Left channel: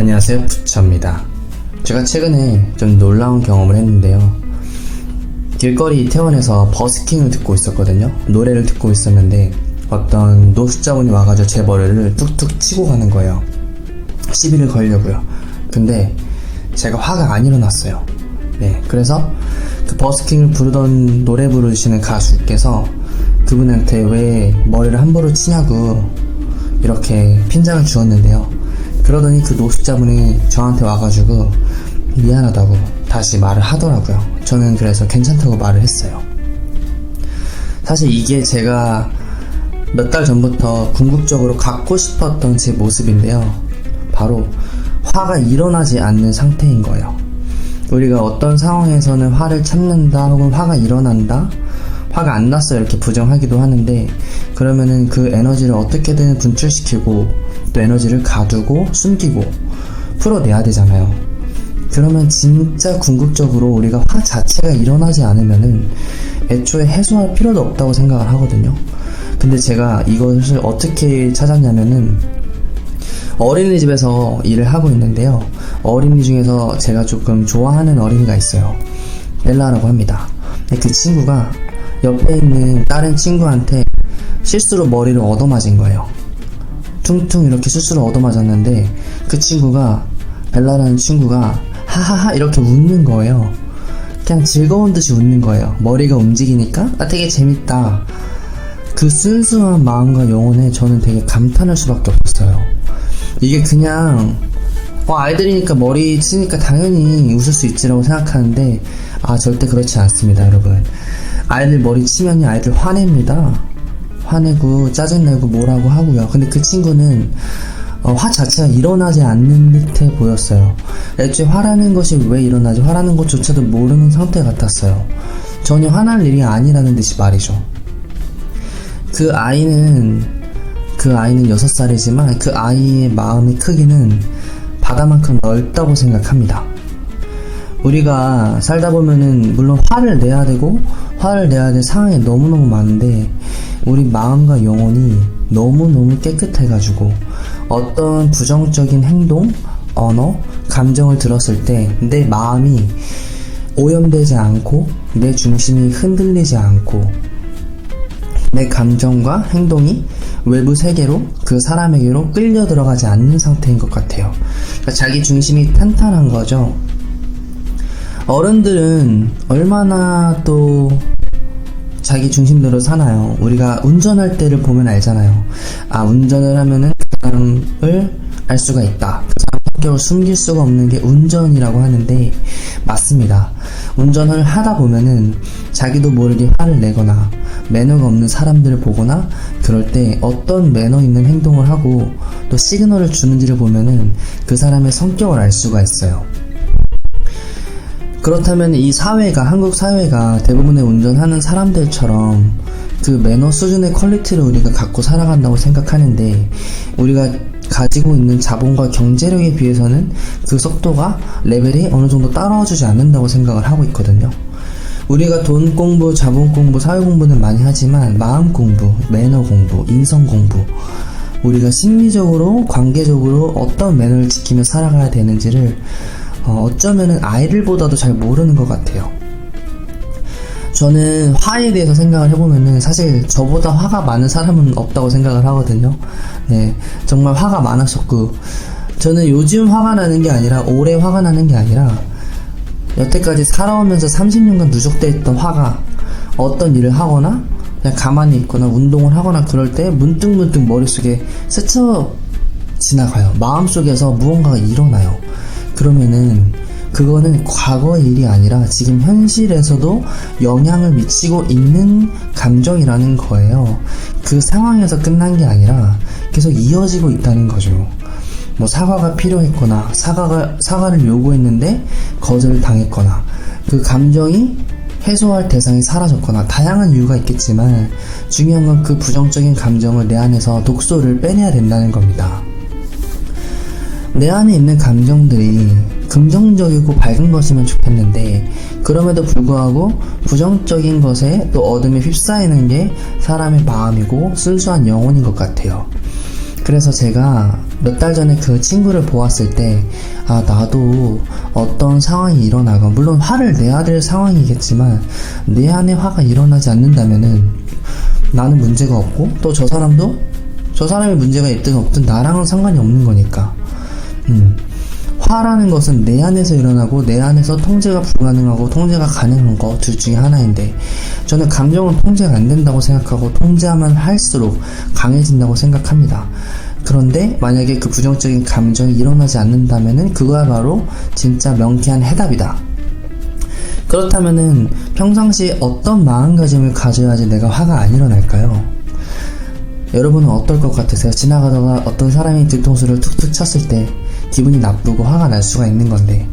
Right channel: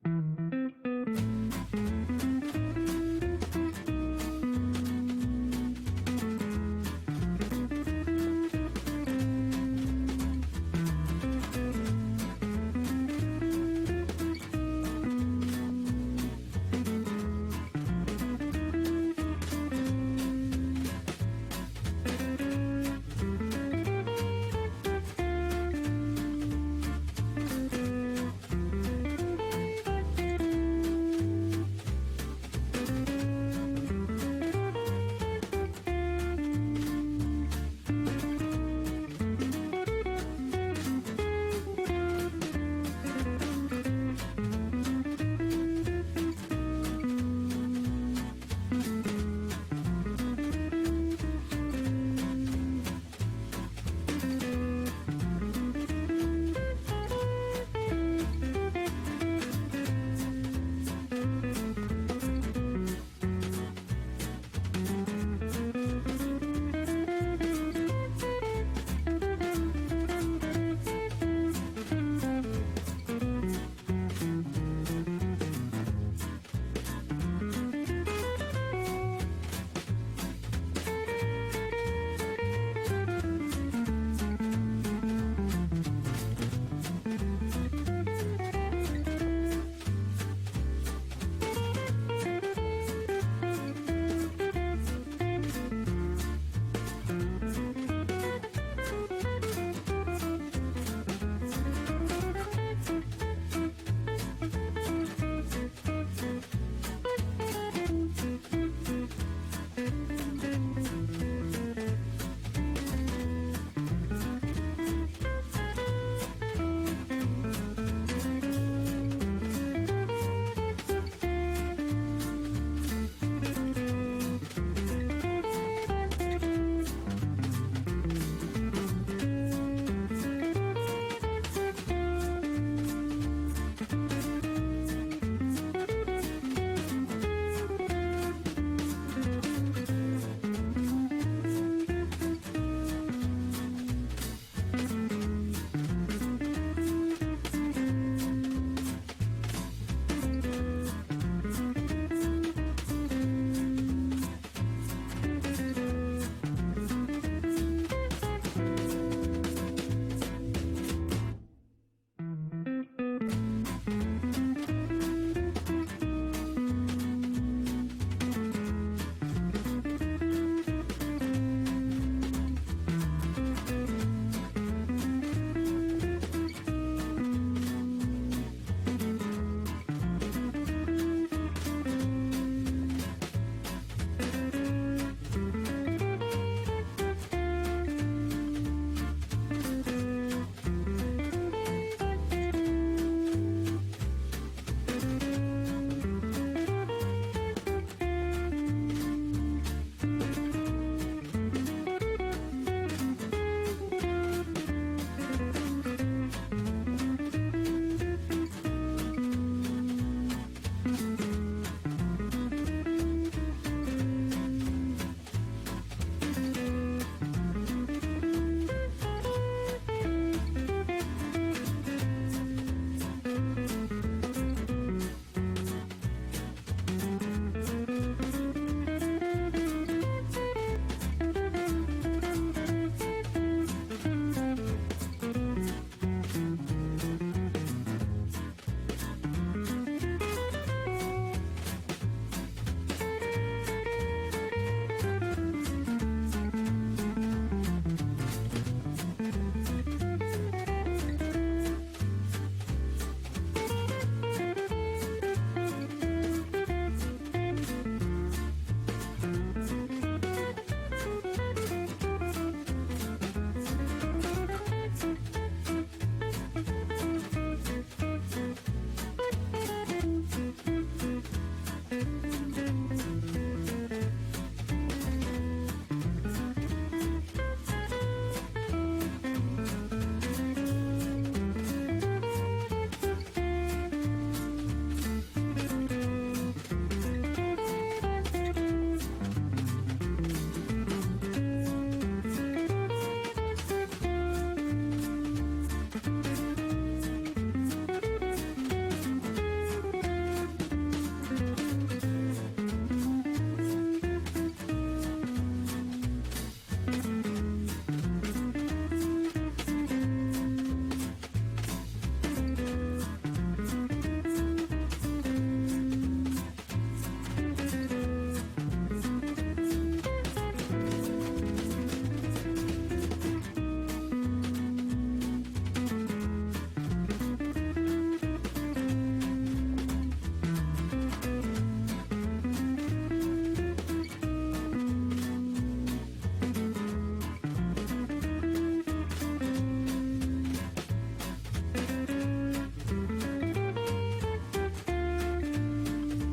안녕하세요, 부처입니다. 제가 최근에 좀 놀라운 경험을 했는데요. 길거리 이태원에서 버스킹을 듣고 있었거든요. 노래를 듣고 있었는데 어떤 노숙자분이 와가지고 제 머리를 툭툭 치고 가는 거예요. 시비를 걸려고요. 근데 제가 화가 안 일어났어요. 네, 그래서 그 버스킹을 부르던 노래 부르시는 가수께서 그분한테 왜 머리를 함부로 치냐고 이렇게 핀잔을 주었는데요. 그러더니 그 노숙자분이 저한테 와가지고 미안하다고 다시 말을 하더라고요. 저는 그래서 괜찮다고 말을 했어요. 사실 이게 제가 몇 달 전부터 궁극적으로 갖고 싶었던 제 모습인데요. 바로 화가 일어나지 않는 상태인 거예요. 우리가 어떤 상황에서는 화를 참는다 혹은 화가 일어난다, 화가 안 났어 이렇게 부정하기도 하는데, 그러면은 그 에너지를 어떻게든 분출시키고 또 에너지를 가두고 숨기고 풀어내야 되잖아요. 그러면 진짜 궁극적으로 우리가 화 자체가 일어나지 않으면은 애초에 해소할 필요도 없다고 생각을 하거든요. 근데 제가 이것을 어떻게 찾았냐면은 어린이집에서 일을 하고 있는데요. 어린이 중에서 제가 조금 좋아하는 어린이가 있어요. 엘라라고 합니다. 그 친구가 옆에 있는 다른 친구한테 실수로 머리를 얻어맞은 거예요. 퉁퉁 이렇게 실수로 얻어맞았는데 그 친구가, 벨라라는 친구가 하하하 이렇게 웃는 거예요. 그냥 즐거운 듯이 웃는 거예요. 머리가 움직이니까 되게 재밌다. 그 순수한 마음과 영혼에 저는 되게 감탄할 수밖에 없었어요. 이게 그냥 아이들이니까 머리 치니까 당연히 웃을 수 있지라고 생각하는데 절대 그렇지 않습니다, 여러분. 아이들 머리 치면이 아이들 화냅니다. 화내고 짜증내고 뭐라고 하고요. 근데 그 친구는 화 자체가 일어나지 않는 듯해 보였어요. 애초에 화라는 것이 왜 일어나지, 화라는 것조차도 모르는 상태 같았어요. 전혀 화날 일이 아니라는 듯이 말이죠. 그 아이는 6살이지만 그 아이의 마음의 크기는 바다만큼 넓다고 생각합니다. 우리가 살다 보면은 물론 화를 내야 되고 화를 내야 될 상황이 너무너무 많은데, 우리 마음과 영혼이 너무너무 깨끗해가지고 어떤 부정적인 행동, 언어, 감정을 들었을 때 내 마음이 오염되지 않고 내 중심이 흔들리지 않고 내 감정과 행동이 외부 세계로, 그 사람에게로 끌려 들어가지 않는 상태인 것 같아요. 그러니까 자기 중심이 탄탄한 거죠. 어른들은 얼마나 또 자기 중심대로 사나요? 우리가 운전할 때를 보면 알잖아요. 운전을 하면은 그 사람을 알 수가 있다. 그 사람 성격을 숨길 수가 없는 게 운전이라고 하는데 맞습니다. 운전을 하다 보면은 자기도 모르게 화를 내거나 매너가 없는 사람들을 보거나 그럴 때 어떤 매너 있는 행동을 하고 또 시그널을 주는지를 보면은 그 사람의 성격을 알 수가 있어요. 그렇다면 이 사회가, 한국 사회가 대부분의 운전하는 사람들처럼 그 매너 수준의 퀄리티를 우리가 갖고 살아간다고 생각하는데, 우리가 가지고 있는 자본과 경제력에 비해서는 그 속도가, 레벨이 어느 정도 따라와주지 않는다고 생각을 하고 있거든요. 우리가 돈 공부, 자본 공부, 사회 공부는 많이 하지만 마음 공부, 매너 공부, 인성 공부, 우리가 심리적으로, 관계적으로 어떤 매너를 지키며 살아가야 되는지를 어쩌면은 아이들보다도 잘 모르는 것 같아요. 저는 화에 대해서 생각을 해보면은 사실 저보다 화가 많은 사람은 없다고 생각을 하거든요. 네, 정말 화가 많았었고, 저는 요즘 화가 나는 게 아니라, 올해 화가 나는 게 아니라 여태까지 살아오면서 30년간 누적되어 있던 화가 어떤 일을 하거나 그냥 가만히 있거나 운동을 하거나 그럴 때 문득문득 머릿속에 스쳐 지나가요. 마음속에서 무언가가 일어나요. 그러면은 그거는 과거의 일이 아니라 지금 현실에서도 영향을 미치고 있는 감정이라는 거예요. 그 상황에서 끝난 게 아니라 계속 이어지고 있다는 거죠. 뭐 사과가 필요했거나 사과를 요구했는데 거절을 당했거나 그 감정이 해소할 대상이 사라졌거나 다양한 이유가 있겠지만, 중요한 건 그 부정적인 감정을 내 안에서 독소를 빼내야 된다는 겁니다. 내 안에 있는 감정들이 긍정적이고 밝은 것이면 좋겠는데, 그럼에도 불구하고 부정적인 것에 또 어둠에 휩싸이는 게 사람의 마음이고 순수한 영혼인 것 같아요. 그래서 제가 몇 달 전에 그 친구를 보았을 때, 아, 나도 어떤 상황이 일어나건, 물론 화를 내야 될 상황이겠지만, 내 안에 화가 일어나지 않는다면은, 나는 문제가 없고, 또 저 사람도, 저 사람이 문제가 있든 없든 나랑은 상관이 없는 거니까. 화라는 것은 내 안에서 일어나고, 내 안에서 통제가 불가능하고, 통제가 가능한 거 둘 중에 하나인데, 저는 감정은 통제가 안 된다고 생각하고, 통제하면 할수록 강해진다고 생각합니다. 그런데 만약에 그 부정적인 감정이 일어나지 않는다면은 그거야말로 진짜 명쾌한 해답이다. 그렇다면은 평상시 어떤 마음가짐을 가져야지 내가 화가 안 일어날까요? 여러분은 어떨 것 같으세요? 지나가다가 어떤 사람이 뒤통수를 툭툭 쳤을 때 기분이 나쁘고 화가 날 수가 있는 건데,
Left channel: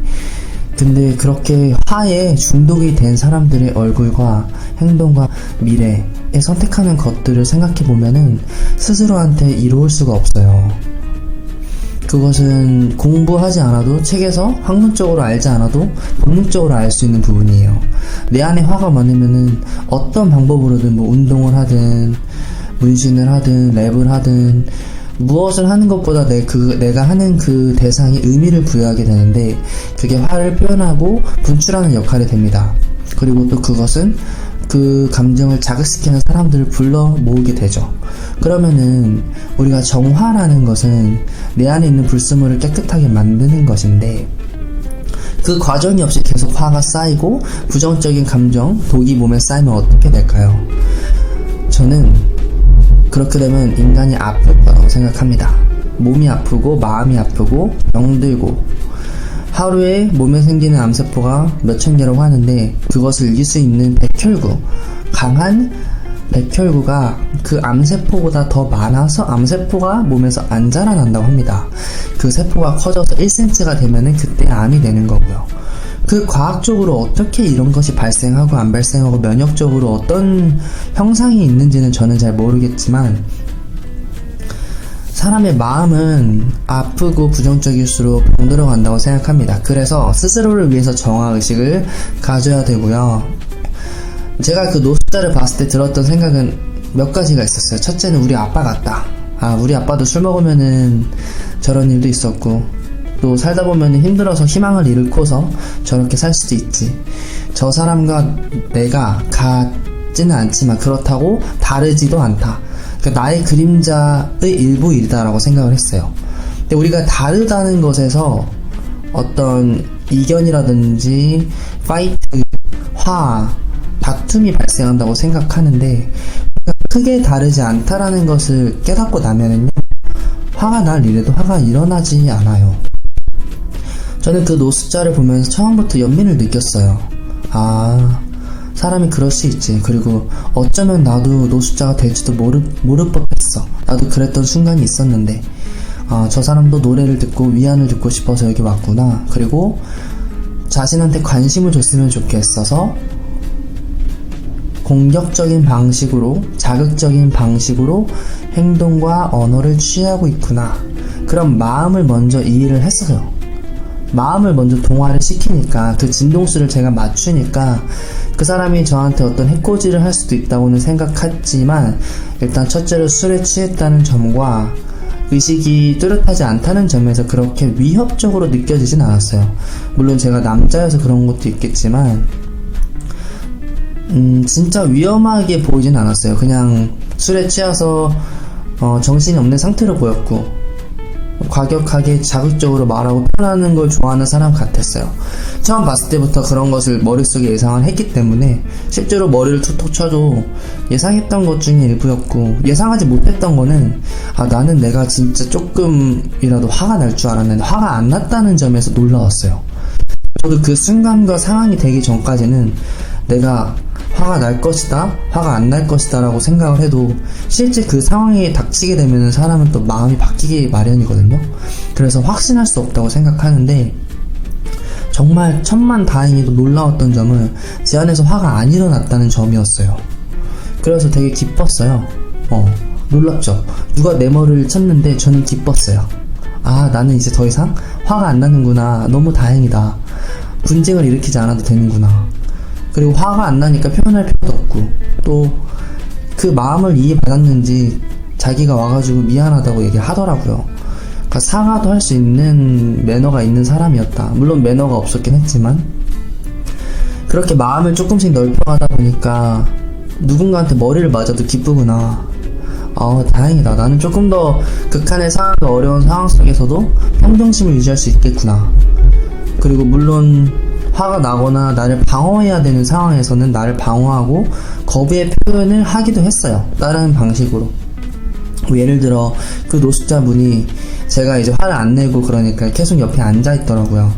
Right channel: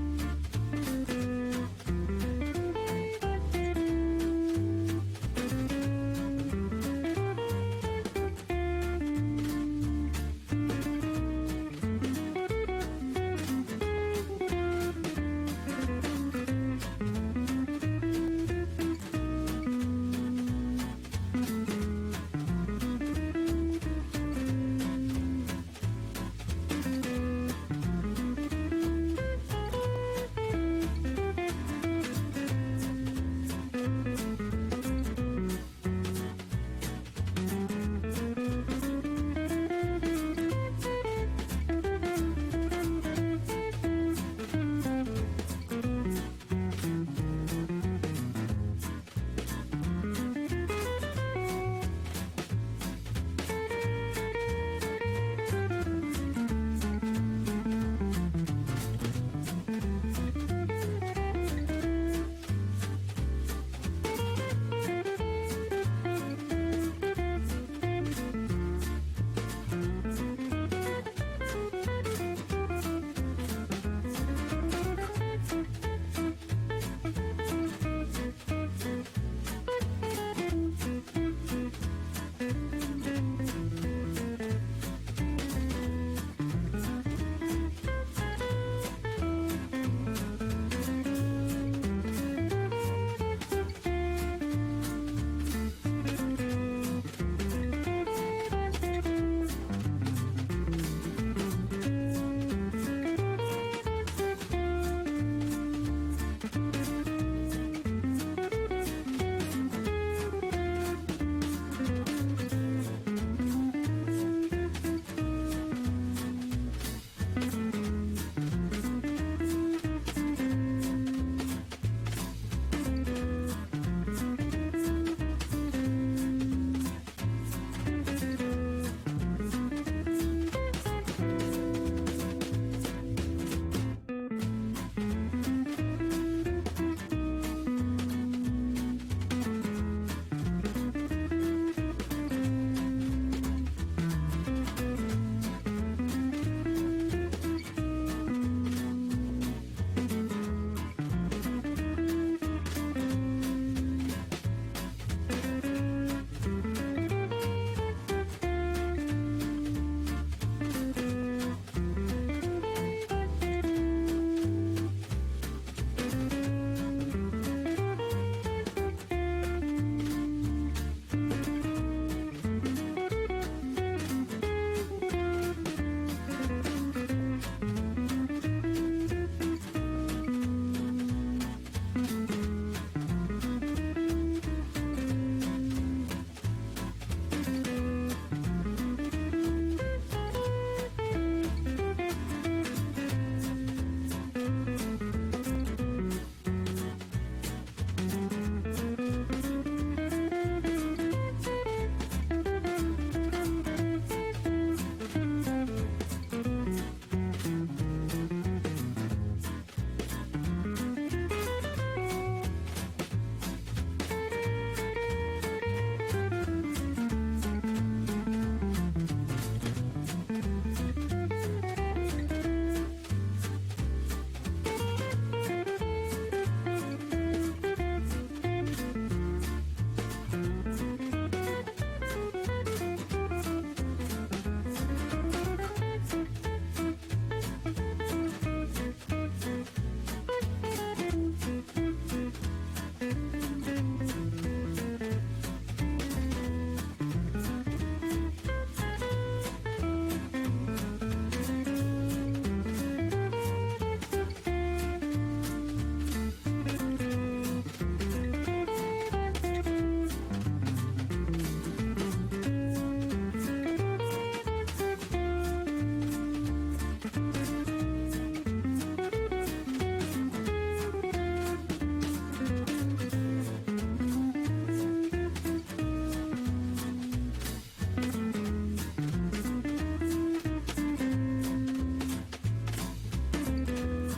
근데 그렇게 화에 중독이 된 사람들의 얼굴과 행동과 미래에 선택하는 것들을 생각해보면은 스스로한테 이로울 수가 없어요. 그것은 공부하지 않아도, 책에서 학문적으로 알지 않아도 본능적으로 알 수 있는 부분이에요. 내 안에 화가 많으면은 어떤 방법으로든, 뭐 운동을 하든 문신을 하든 랩을 하든 무엇을 하는 것보다 내가 하는 그 대상이 의미를 부여하게 되는데, 그게 화를 표현하고 분출하는 역할이 됩니다. 그리고 또 그것은 그 감정을 자극시키는 사람들을 불러 모으게 되죠. 그러면은 우리가 정화라는 것은 내 안에 있는 불순물을 깨끗하게 만드는 것인데, 그 과정이 없이 계속 화가 쌓이고 부정적인 감정, 독이 몸에 쌓이면 어떻게 될까요? 저는 그렇게 되면 인간이 아플 거라고 생각합니다. 몸이 아프고 마음이 아프고 병들고, 하루에 몸에 생기는 암세포가 몇천 개라고 하는데, 그것을 이길 수 있는 백혈구, 강한 백혈구가 그 암세포보다 더 많아서 암세포가 몸에서 안 자라난다고 합니다. 그 세포가 커져서 1cm가 되면은 그때 암이 되는 거고요. 그 과학적으로 어떻게 이런 것이 발생하고 안 발생하고 면역적으로 어떤 형상이 있는지는 저는 잘 모르겠지만, 사람의 마음은 아프고 부정적일수록 병들어간다고 생각합니다. 그래서 스스로를 위해서 정화의식을 가져야 되고요. 제가 그 노숙자를 봤을 때 들었던 생각은 몇 가지가 있었어요. 첫째는 우리 아빠 같다. 아, 우리 아빠도 술 먹으면은 저런 일도 있었고, 또 살다 보면 힘들어서 희망을 잃고서 저렇게 살 수도 있지. 저 사람과 내가 같지는 않지만 그렇다고 다르지도 않다. 그러니까 나의 그림자의 일부이다라고 생각을 했어요. 근데 우리가 다르다는 것에서 어떤 이견이라든지 파이트, 화, 다툼이 발생한다고 생각하는데, 크게 다르지 않다라는 것을 깨닫고 나면은요, 화가 날 일에도 화가 일어나지 않아요. 저는 그 노숙자를 보면서 처음부터 연민을 느꼈어요. 아, 사람이 그럴 수 있지. 그리고 어쩌면 나도 노숙자가 될지도 모를 법했어. 나도 그랬던 순간이 있었는데, 아, 저 사람도 노래를 듣고 위안을 듣고 싶어서 여기 왔구나. 그리고 자신한테 관심을 줬으면 좋겠어서 공격적인 방식으로, 자극적인 방식으로 행동과 언어를 취하고 있구나. 그런 마음을 먼저 이해를 했어요. 마음을 먼저 동화를 시키니까, 그 진동수를 제가 맞추니까 그 사람이 저한테 어떤 해코지를 할 수도 있다고는 생각했지만, 일단 첫째로 술에 취했다는 점과 의식이 뚜렷하지 않다는 점에서 그렇게 위협적으로 느껴지진 않았어요. 물론 제가 남자여서 그런 것도 있겠지만 진짜 위험하게 보이진 않았어요. 그냥 술에 취해서 정신이 없는 상태로 보였고, 과격하게 자극적으로 말하고 표현하는 걸 좋아하는 사람 같았어요. 처음 봤을 때부터 그런 것을 머릿속에 예상을 했기 때문에 실제로 머리를 툭툭 쳐도 예상했던 것 중에 일부였고, 예상하지 못했던 거는, 아, 나는 내가 진짜 조금이라도 화가 날 줄 알았는데 화가 안 났다는 점에서 놀라웠어요. 저도 그 순간과 상황이 되기 전까지는 내가 화가 날 것이다, 화가 안 날 것이다 라고 생각을 해도, 실제 그 상황에 닥치게 되면 사람은 또 마음이 바뀌기 마련이거든요. 그래서 확신할 수 없다고 생각하는데, 정말 천만다행히도 놀라웠던 점은 제 안에서 화가 안 일어났다는 점이었어요. 그래서 되게 기뻤어요. 놀랍죠? 누가 내 머리를 쳤는데 저는 기뻤어요. 아, 나는 이제 더 이상 화가 안 나는구나. 너무 다행이다. 분쟁을 일으키지 않아도 되는구나. 그리고 화가 안 나니까 표현할 필요도 없고, 또 그 마음을 이해받았는지 자기가 와가지고 미안하다고 얘기하더라고요. 그러니까 사과도 할 수 있는 매너가 있는 사람이었다. 물론 매너가 없었긴 했지만 그렇게 마음을 조금씩 넓혀가다 보니까 누군가한테 머리를 맞아도 기쁘구나. 다행이다. 나는 조금 더 극한의 상황, 어려운 상황 속에서도 평정심을 유지할 수 있겠구나. 그리고 물론 화가 나거나 나를 방어해야 되는 상황에서는 나를 방어하고 거부의 표현을 하기도 했어요. 다른 방식으로. 뭐 예를 들어 그 노숙자분이 제가 이제 화를 안 내고 그러니까 계속 옆에 앉아있더라고요.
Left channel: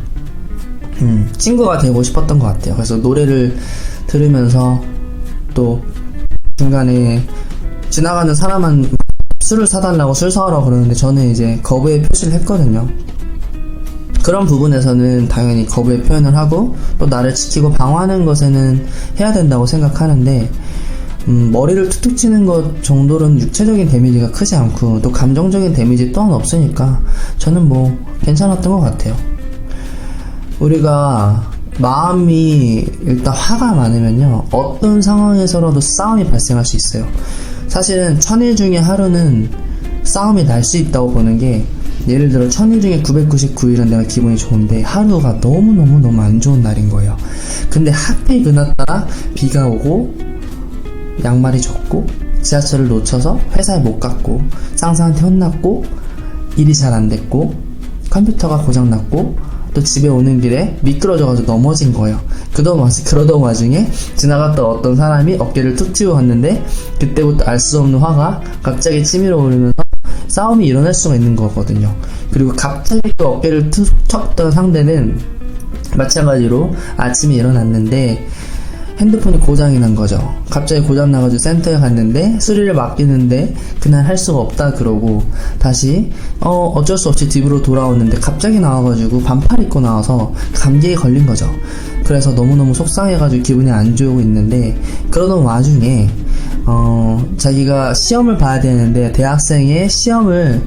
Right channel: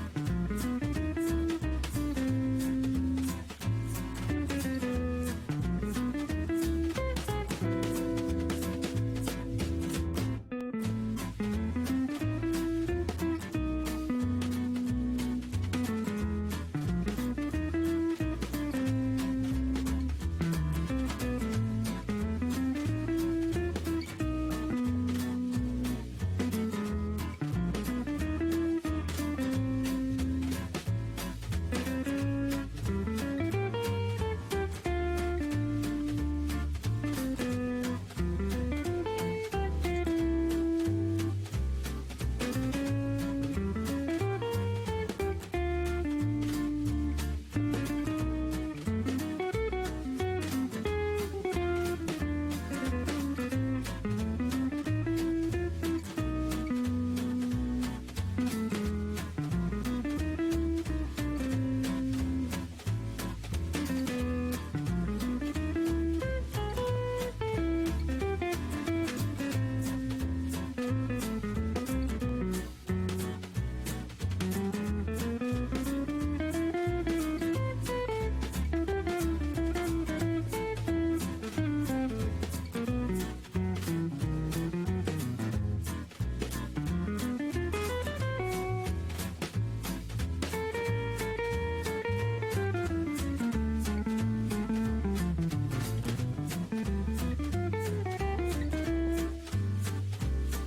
친구가 되고 싶었던 것 같아요. 그래서 노래를 들으면서 또 중간에 지나가는 사람한 술을 사달라고 술 사오라고 그러는데 저는 이제 거부의 표시를 했거든요. 그런 부분에서는 당연히 거부의 표현을 하고 또 나를 지키고 방어하는 것에는 해야 된다고 생각하는데 머리를 툭툭 치는 것 정도로는 육체적인 데미지가 크지 않고 또 감정적인 데미지 또한 없으니까 저는 뭐 괜찮았던 것 같아요. 우리가 마음이 일단 화가 많으면요 어떤 상황에서라도 싸움이 발생할 수 있어요. 사실은 1000일 중에 하루는 싸움이 날 수 있다고 보는 게, 예를 들어 1000일 중에 999일은 내가 기분이 좋은데 하루가 너무 안 좋은 날인 거예요. 근데 하필 그날따라 비가 오고 양말이 젖고 지하철을 놓쳐서 회사에 못 갔고 상사한테 혼났고 일이 잘 안 됐고 컴퓨터가 고장났고 또 집에 오는 길에 미끄러져가지고 넘어진 거예요. 그러던 와중에 지나갔던 어떤 사람이 어깨를 툭 튀고 갔는데 그때부터 알 수 없는 화가 갑자기 치밀어 오르면서 싸움이 일어날 수가 있는 거거든요. 그리고 갑자기 또 어깨를 툭 쳤던 상대는 마찬가지로 아침에 일어났는데 핸드폰이 고장이 난 거죠. 갑자기 고장 나가지고 센터에 갔는데 수리를 맡기는데 그날 할 수가 없다 그러고 다시 어쩔 수 없이 집으로 돌아오는데 갑자기 나와가지고 반팔 입고 나와서 감기에 걸린 거죠. 그래서 너무너무 속상해가지고 기분이 안 좋고 있는데 그러던 와중에 자기가 시험을 봐야 되는데 대학생의 시험을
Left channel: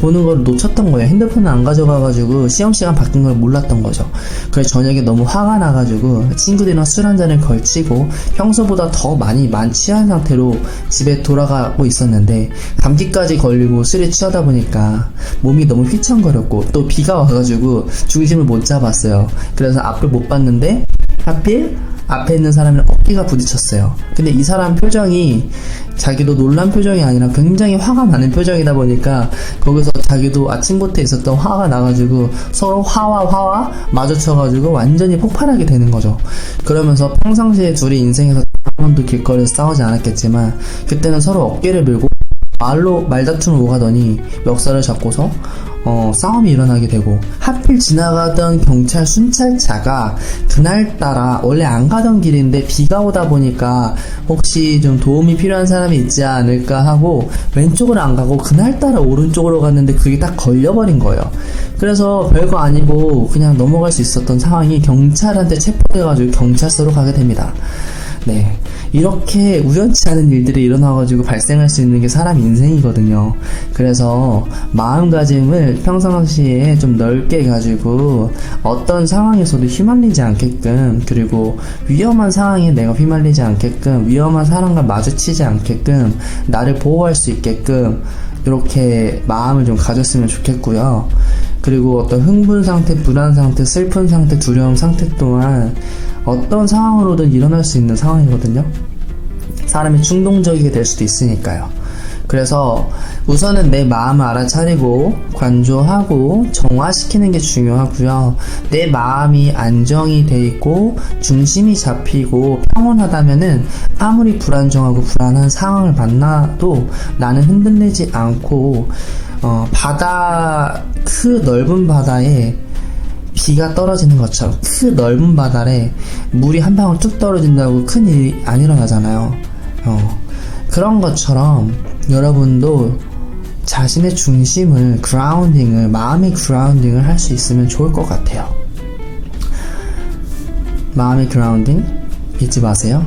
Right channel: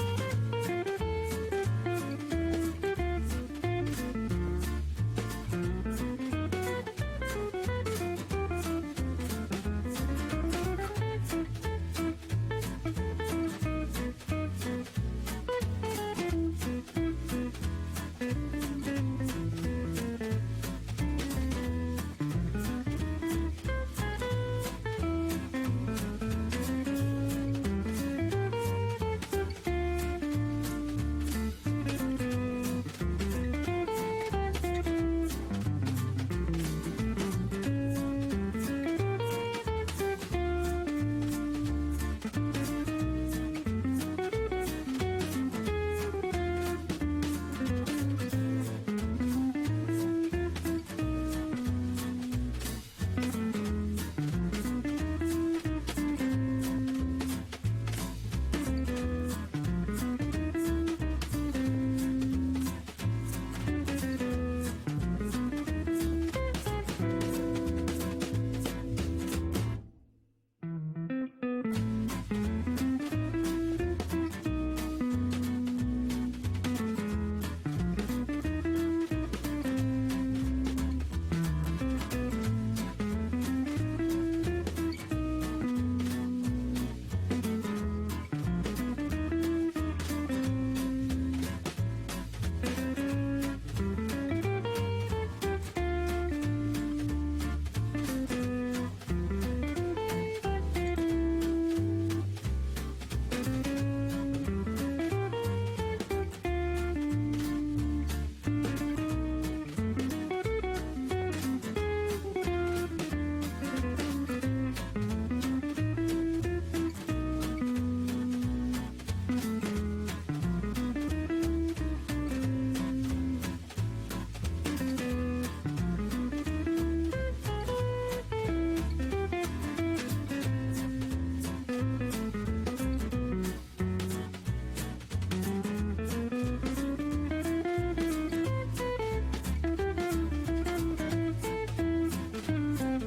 보는 걸 놓쳤던 거예요. 핸드폰을 안 가져가가지고 시험 시간 바뀐 걸 몰랐던 거죠. 그래서 저녁에 너무 화가 나가지고 친구들이랑 술 한잔을 걸치고 평소보다 더 많이 취한 상태로 집에 돌아가고 있었는데 감기까지 걸리고 술에 취하다 보니까 몸이 너무 휘청거렸고 또 비가 와가지고 중심을 못 잡았어요. 그래서 앞을 못 봤는데 하필 앞에 있는 사람이랑 어깨가 부딪혔어요. 근데 이 사람 표정이 자기도 놀란 표정이 아니라 굉장히 화가 많은 표정이다 보니까 거기서 자기도 아침부터 있었던 화가 나가지고 서로 화와 마주쳐가지고 완전히 폭발하게 되는 거죠. 그러면서 평상시에 둘이 인생에서 한 번도 길거리에서 싸우지 않았겠지만 그때는 서로 어깨를 밀고 말다툼을 오가더니 멱살을 잡고서 싸움이 일어나게 되고, 하필 지나가던 경찰 순찰차가 그날따라 원래 안 가던 길인데 비가 오다 보니까 혹시 좀 도움이 필요한 사람이 있지 않을까 하고 왼쪽으로 안 가고 그날따라 오른쪽으로 갔는데 그게 딱 걸려버린 거예요. 그래서 별거 아니고 그냥 넘어갈 수 있었던 상황이 경찰한테 체포돼가지고 경찰서로 가게 됩니다. 네, 이렇게 우연치 않은 일들이 일어나가지고 발생할 수 있는 게 사람 인생이거든요. 그래서 마음가짐을 평상시에 좀 넓게 가지고 어떤 상황에서도 휘말리지 않게끔, 그리고 위험한 상황에 내가 휘말리지 않게끔, 위험한 사람과 마주치지 않게끔 나를 보호할 수 있게끔 이렇게 마음을 좀 가졌으면 좋겠고요. 그리고 어떤 흥분 상태, 불안 상태, 슬픈 상태, 두려움 상태 또한 어떤 상황으로든 일어날 수 있는 상황이거든요. 사람이 충동적이게 될 수도 있으니까요. 그래서 우선은 내 마음을 알아차리고 관조하고 정화시키는 게 중요하고요. 내 마음이 안정이 돼 있고 중심이 잡히고 평온하다면은 아무리 불안정하고 불안한 상황을 만나도 나는 흔들리지 않고 그 넓은 바다에 비가 떨어지는 것처럼, 그 넓은 바다에 물이 한 방울 뚝 떨어진다고 큰 일이 안 일어나잖아요. 그런 것처럼 여러분도 자신의 중심을, 마음의 그라운딩을 할 수 있으면 좋을 것 같아요. 마음의 그라운딩 잊지 마세요.